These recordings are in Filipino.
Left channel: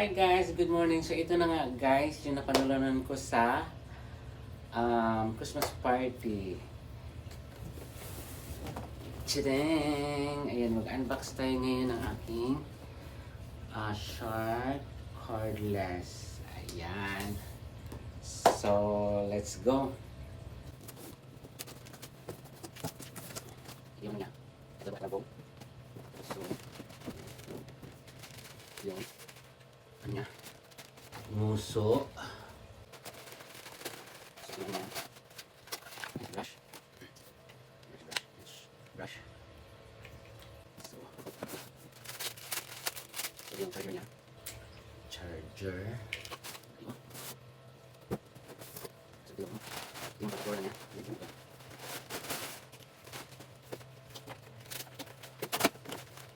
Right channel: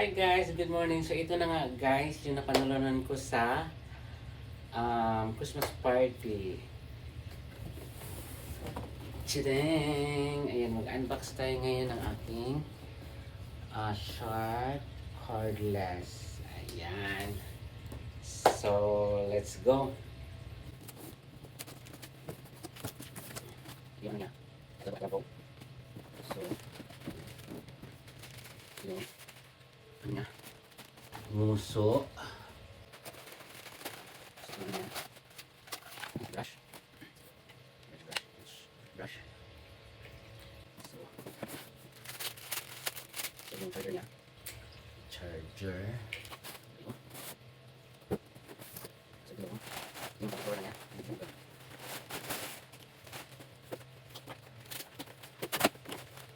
Hi guys, good morning. So ito na nga guys, yung napanulunan ko sa Christmas party. Chideng! Ayan, mag-unbox tayo ngayon ng ating short cordless. Ayan. So, let's go. Yun nga. Ito ba po? So, yun. Nya nguso brush so yung charger niya so yung power niya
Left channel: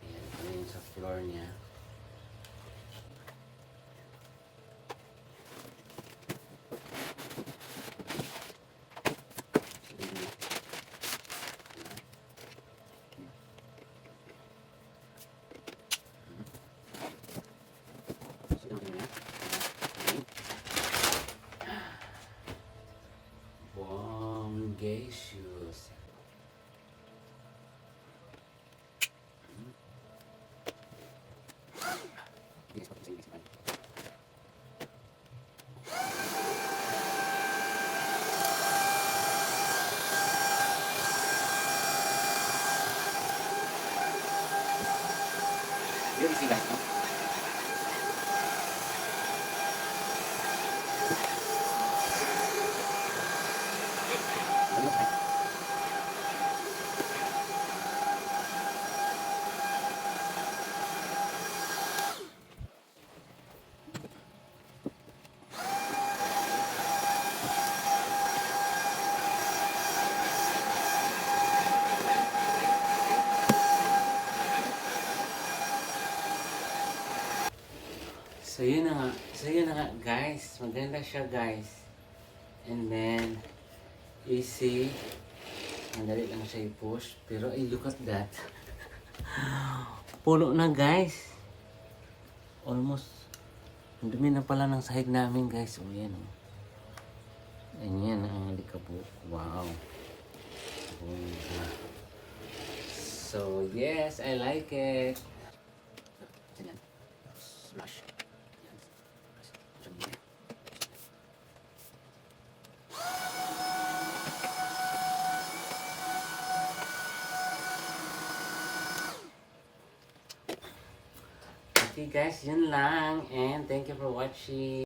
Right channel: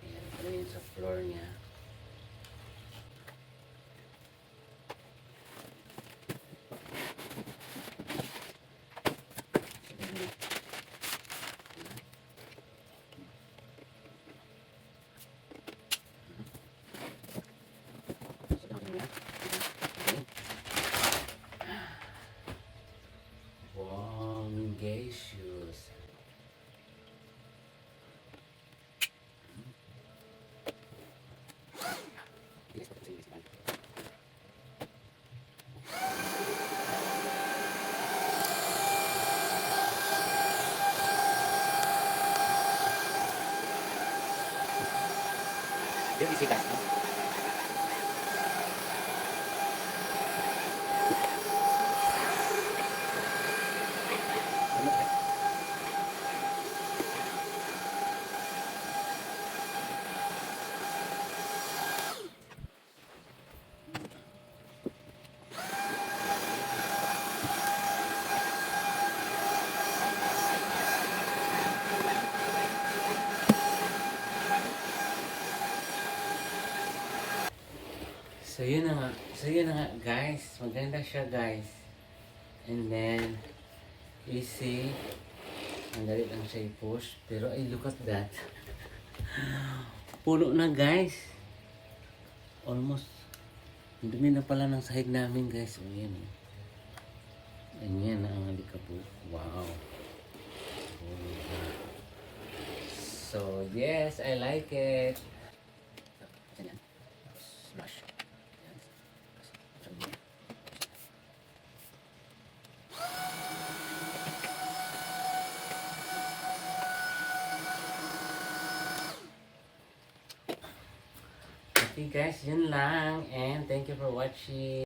ayan, ito yung sa floor niya. Gay shoes. Very simple. So yun na nga guys, maganda siya guys. And then easy, madali lang siya i-push. Pero ay, look at that. Puno na guys. Almost dumi na pala ng sahig namin guys. O yan eh. Yan ang alikabok. Wow. So yes, I like it. Smash. Okay guys, yun lang, and thank you for watching.